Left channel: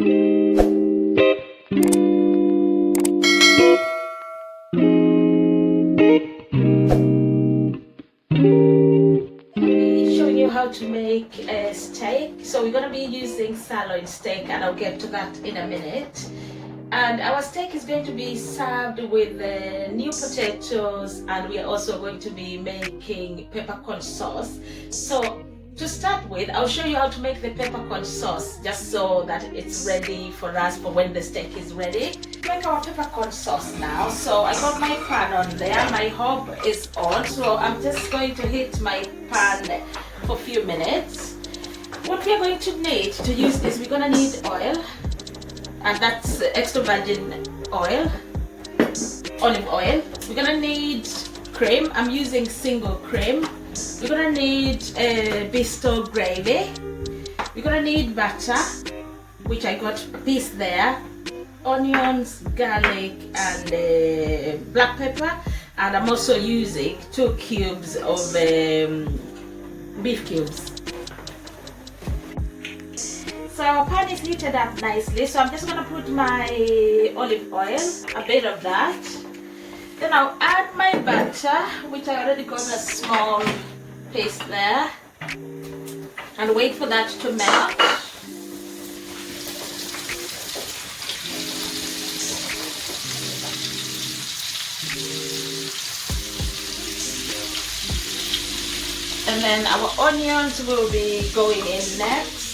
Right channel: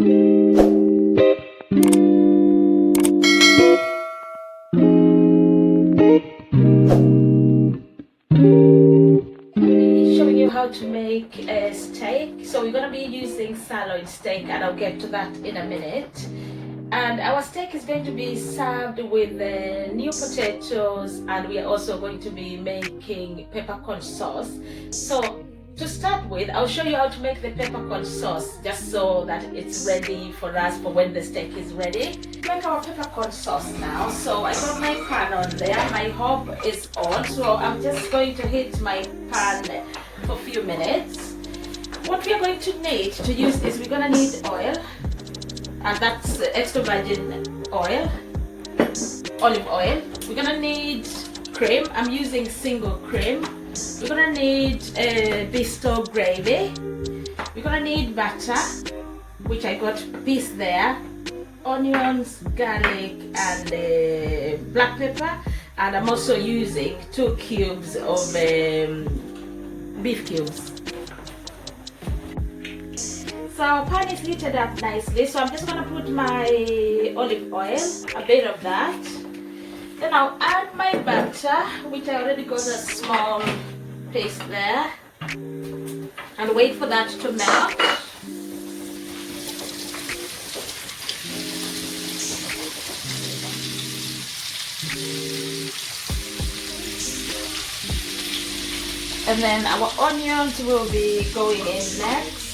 How to make a steak. So we're going to be using sirloin steak, and I'll get to that in a minute. And our steak is going to be served with new potatoes, and we are also going to be making peppercorn sauce. So to start with, I'll show you how to make the peppercorn sauce, just so that it's ready for us for when the steak is ready. Make our peppercorn sauce now. So I got my pan on there, my hob is on, so I'm just going to heat my pan for a few minutes. What we are going to need to use is we're going to need oil, and that's extra virgin oil, olive oil. We're going to need cream. I'm using single cream. We're going to need Bisto gravy. We're going to need butter, which I got a piece there, onions, garlic, and black pepper. And I'm also using 2 cubes of beef cubes. So our pan is heated up nicely, so I'm just going to put my olive oil, a bit of that. Then I'll add my butter, which I already got a small piece there, and wait for that to melt. And then our onions will be going in next.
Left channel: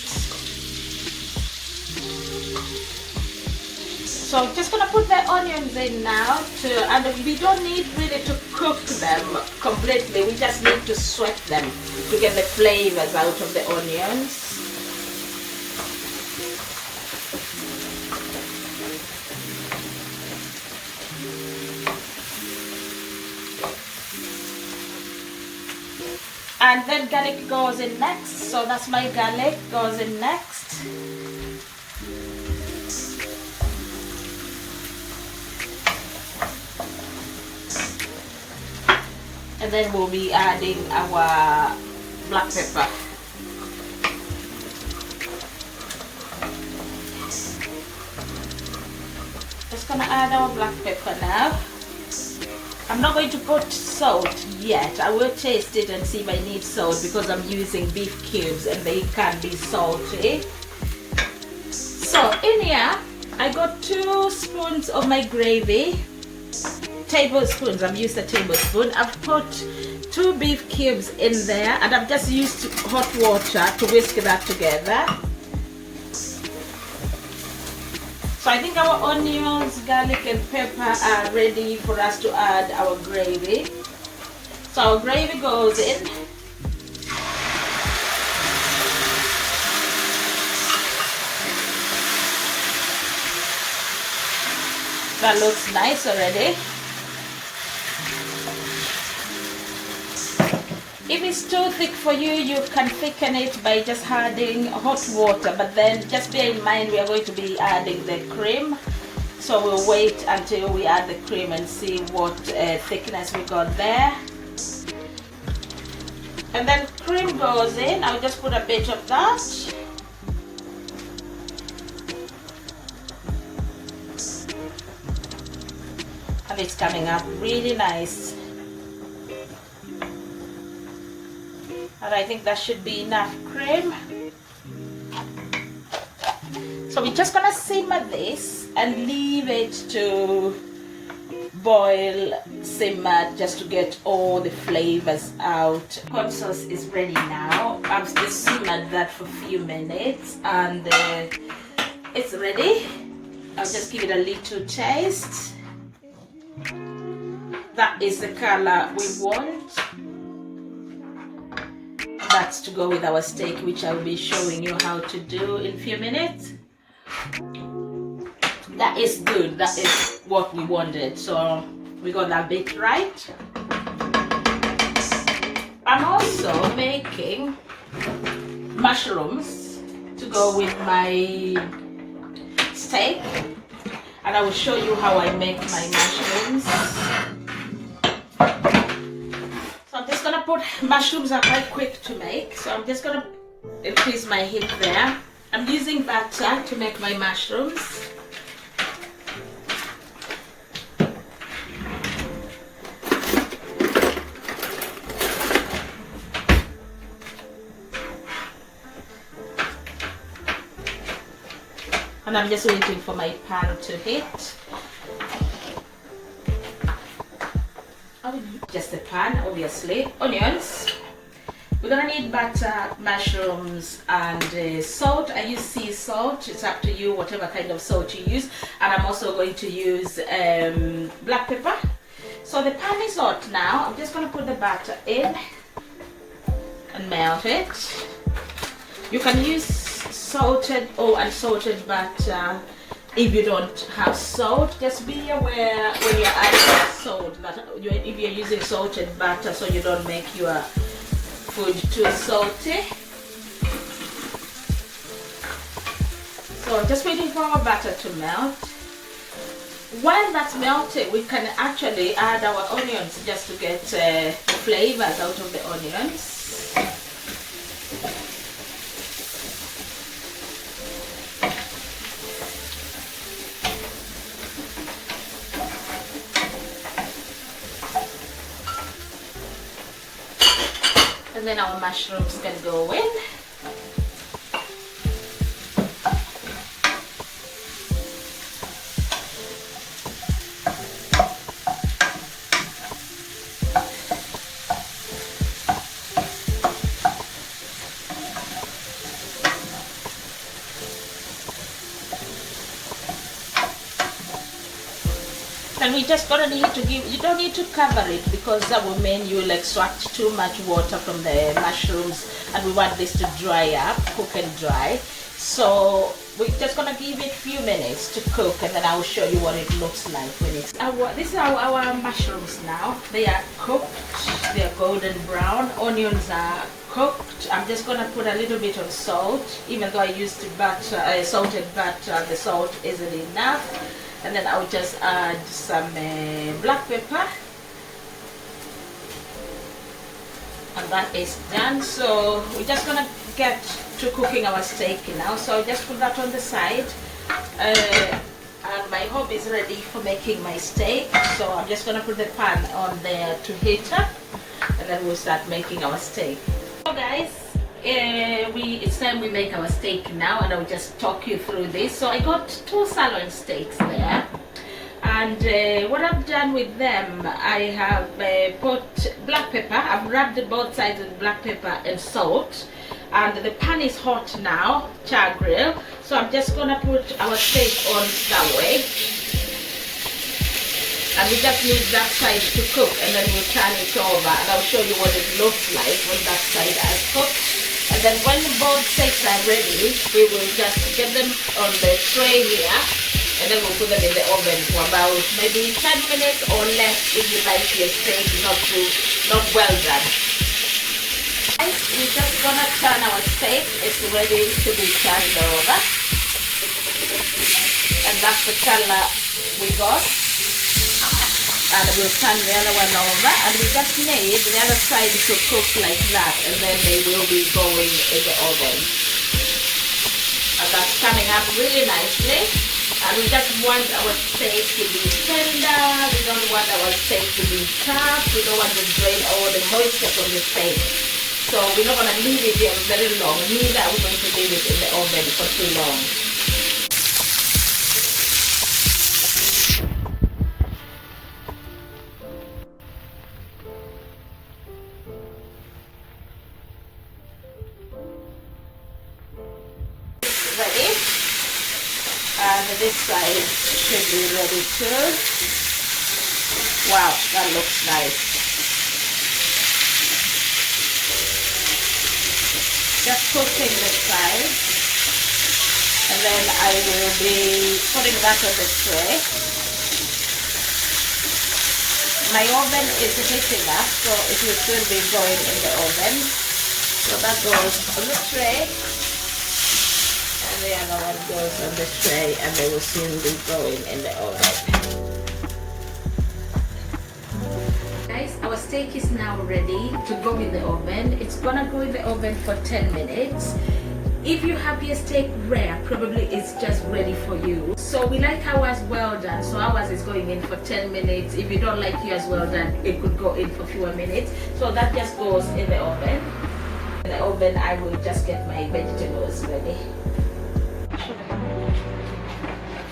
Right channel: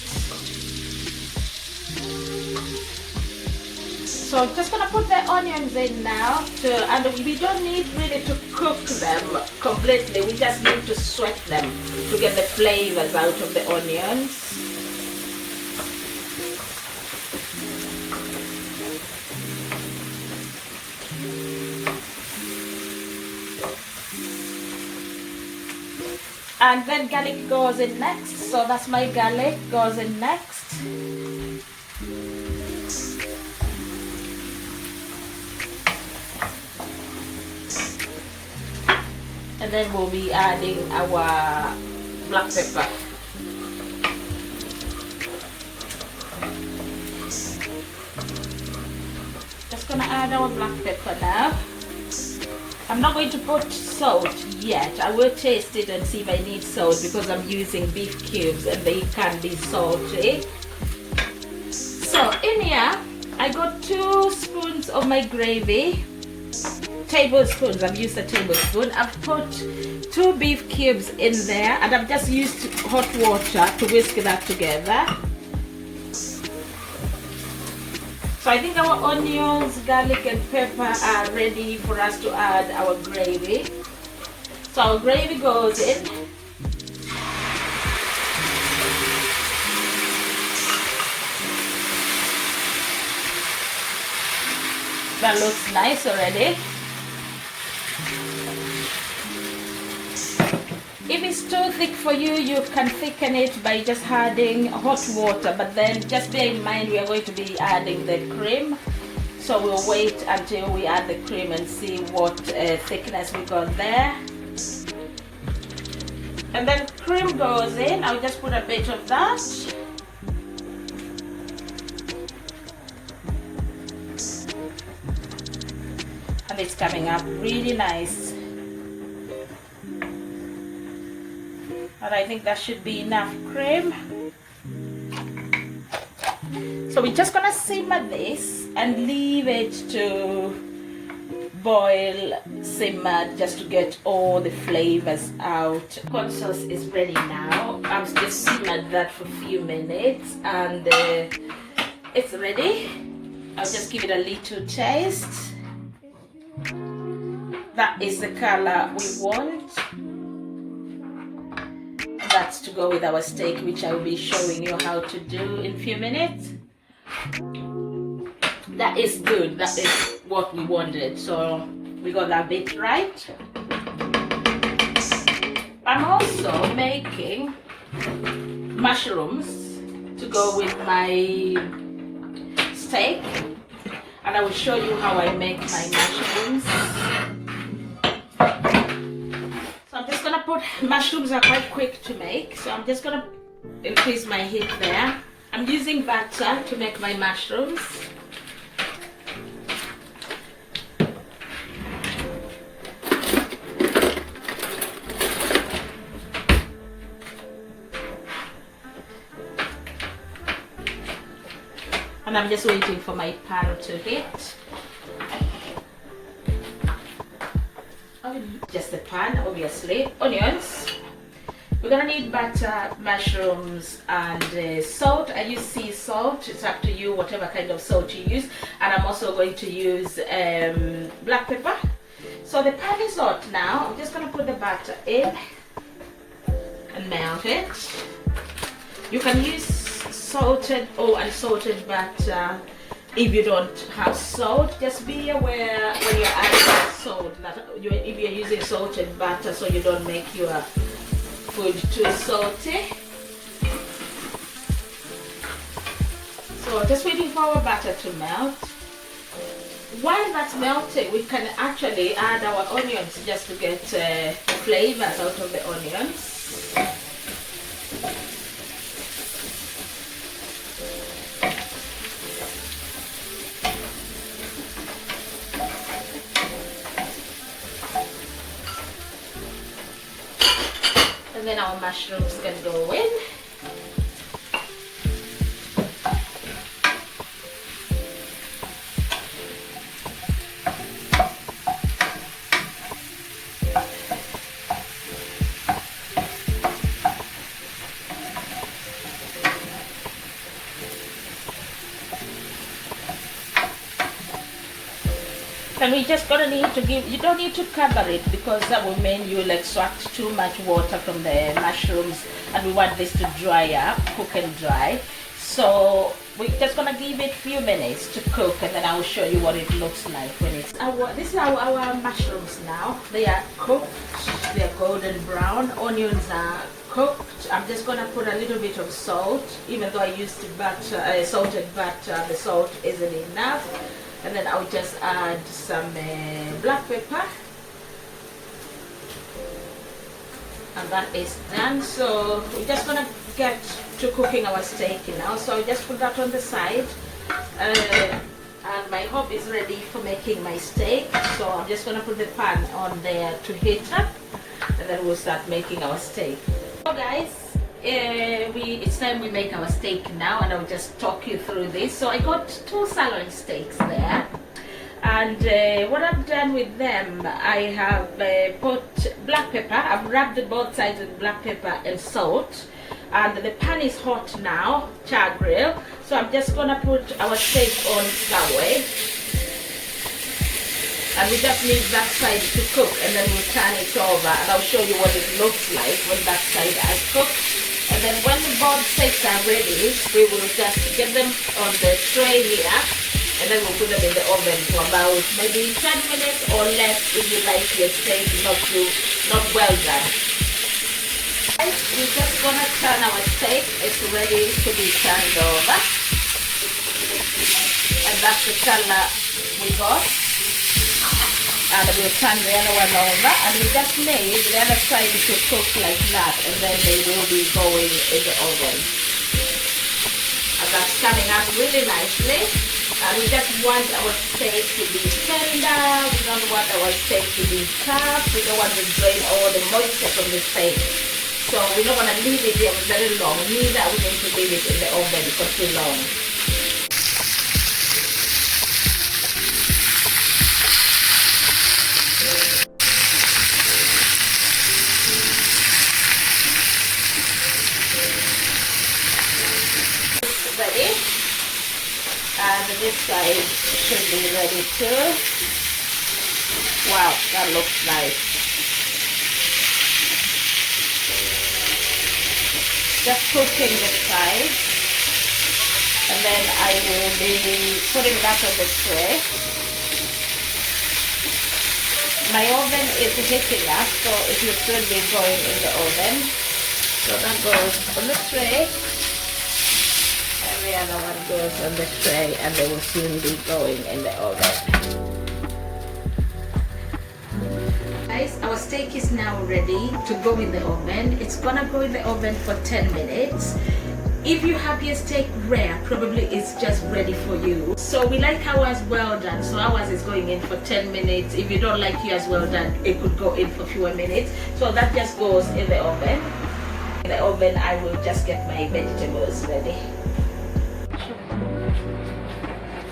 So I'm just going to put the onions in now, and we don't need really to cook them completely. We just need to sweat them to get the flavors out of the onions. And then garlic goes in next, so that's my garlic goes in next. And then we'll be adding our black pepper. Just gonna add our black pepper now. I'm not going to put salt yet. I will taste it and see if I need salt, because I'm using beef cubes and they can be salty. So in here, I got 2 spoons of my gravy. Tablespoons, I've used a tablespoon. I've put 2 beef cubes in there, and I've just used hot water to whisk that together. So I think our onions, garlic and pepper are ready for us to add our gravy. So our gravy goes in. That looks nice already. If it's too thick for you, you can thicken it by just adding hot water, but then just bear in mind we are going to be adding the cream. So we'll wait until we add the cream and see what thickness we got there. And then cream goes in. I'll just put a bit of that. And it's coming up really nice. And I think that should be enough cream. So we're just gonna simmer this and leave it to boil, simmer, just to get all the flavors out. Corn sauce is ready now. I've just simmered that for a few minutes, and it's ready. I'll just give it a little taste. That is the color we want. That's to go with our steak, which I'll be showing you how to do in a few minutes. That is good. That is what we wanted. So we got that bit right. I'm also making mushrooms to go with my steak, and I will show you how I make my mushrooms. So I'm just gonna put, mushrooms are quite quick to make, so I'm just gonna increase my heat there. I'm using butter to make my mushrooms. And I'm just waiting for my pan to heat. Just the pan, obviously. Onions. We're gonna need butter, mushrooms, and salt. I use sea salt. It's up to you, whatever kind of salt you use. And I'm also going to use black pepper. So the pan is hot now. I'm just gonna put the butter in and melt it. You can use salted or unsalted butter. If you don't have salt, just be aware when you're adding salt that if you're using salted butter, so you don't make your food too salty. So just waiting for our butter to melt. While that's melting, we can actually add our onions just to get flavors out of the onions. And then our mushrooms can go in. And we just gonna need to give, you don't need to cover it because that will mean you'll extract too much water from the mushrooms, and we want this to dry up, cook and dry. So we're just gonna give it a few minutes to cook, and then I'll show you what it looks like when it's this is our mushrooms now. They are cooked, they are golden brown. Onions are cooked. I'm just gonna put a little bit of salt, even though I used butter, salted butter, the salt isn't enough. And then I'll just add some black pepper, and that is done. So we're just gonna get to cooking our steak now. So I'll just put that on the side, and my hob is ready for making my steak. So I'm just gonna put the pan on there to heat up, and then we'll start making our steak. So guys, it's time we make our steak now, and I'll just talk you through this. So I got 2 sirloin steaks there, and what I've done with them, I have put black pepper. I've rubbed both sides with black pepper and salt, and the pan is hot now, char grill. So I'm just gonna put our steak on that way, and we just need that side to cook, and then we'll turn it over, and I'll show you what it looks like when that side has cooked. And then when both steaks are ready, we will just get them on the tray here, and then we'll put them in the oven for about maybe 10 minutes or less if you like your steak not well done. Guys, we're just gonna turn our steak. It's ready to be turned over, and that's the color we got. And we'll turn the other one over, and we just need the other side to cook like that, and then they will be going in the oven. And that's coming up really nicely. And we just want our steak to be tender. We don't want our steak to be tough. We don't want to drain all the moisture from the steak. So we're not going to leave it there very long. Neither are we going to leave it in the oven for too long. Ready, and this side should be ready too. Wow, that looks nice. Just cooking this side, and then I will be putting that on the tray. My oven is heating up, so it will still be going in the oven. So that goes on the tray. The other one goes on the tray, and they will soon be going in the oven. Guys, our steak is now ready to go in the oven. It's gonna go in the oven for 10 minutes. If you have your steak rare, probably it's just ready for you. So we like ours well done, so ours is going in for 10 minutes. If you don't like yours well done, it could go in for fewer minutes. So that just goes in the oven. In the oven, I will just get my vegetables ready.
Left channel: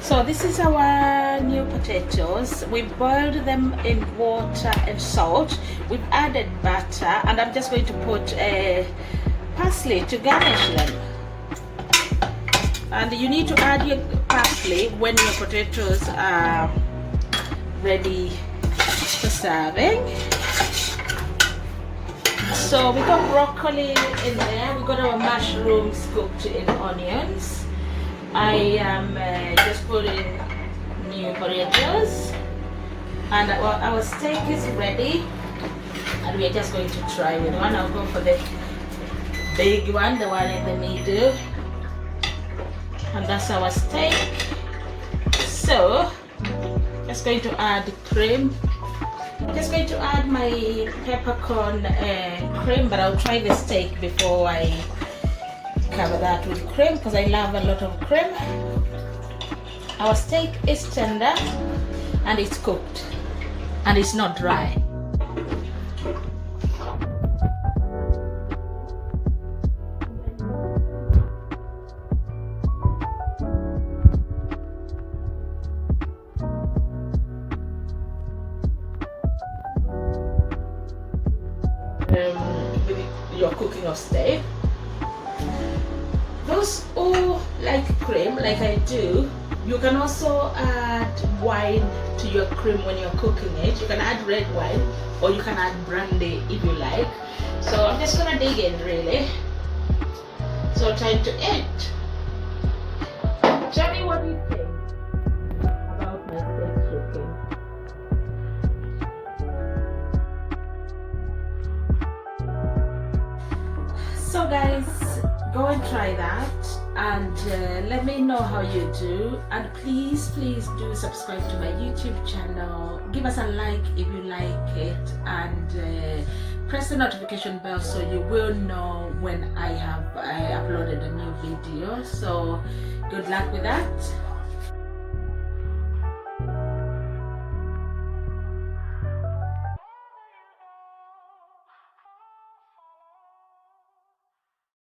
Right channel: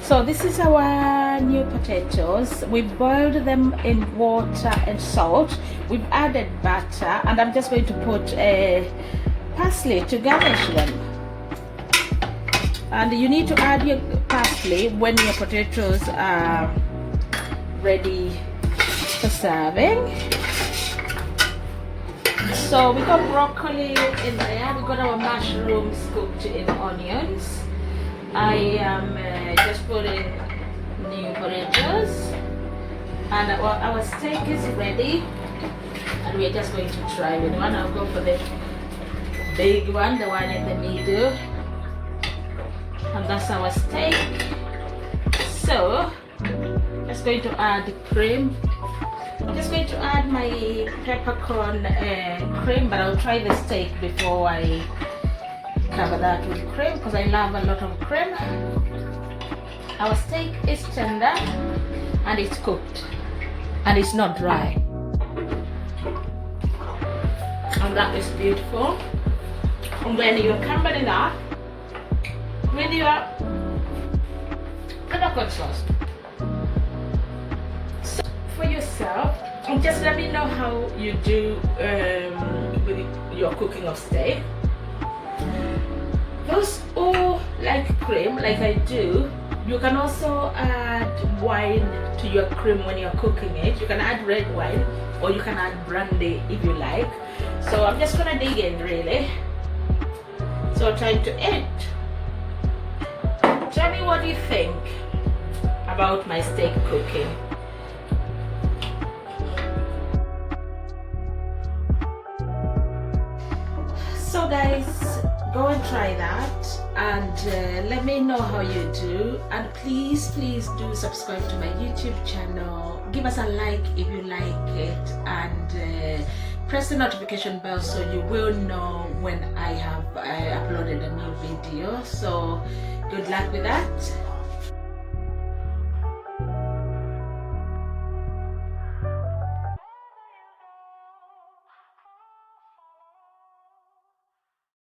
So this is our new potatoes. We boiled them in water and salt. We've added butter, and I'm just going to put parsley to garnish them. And you need to add your parsley when your potatoes are ready for serving. So we got broccoli in there. We got our mushrooms cooked in onions. I am just putting new potatoes, and our steak is ready. And we're just going to try with one. I'll go for the big one, the one in the middle. And that's our steak. So just going to add cream. I'm just going to add my peppercorn cream, but I'll try the steak before I cover that with cream because I love a lot of cream. Our steak is tender and it's cooked and it's not dry. And that is beautiful. And when you cover it up with your peppercorn sauce. So for yourself, just let me know how you do with your cooking of steak. Those who like cream, like I do, you can also add wine to your cream when you're cooking it. You can add red wine or you can add brandy if you like. So I'm just gonna dig in really. So time to eat. Tell me what you think about my steak cooking. So guys, go and try that and let me know how you do, and please do subscribe to my YouTube channel. Give us a like if you like it, and press the notification bell so you will know when I have uploaded a new video. So good luck with that.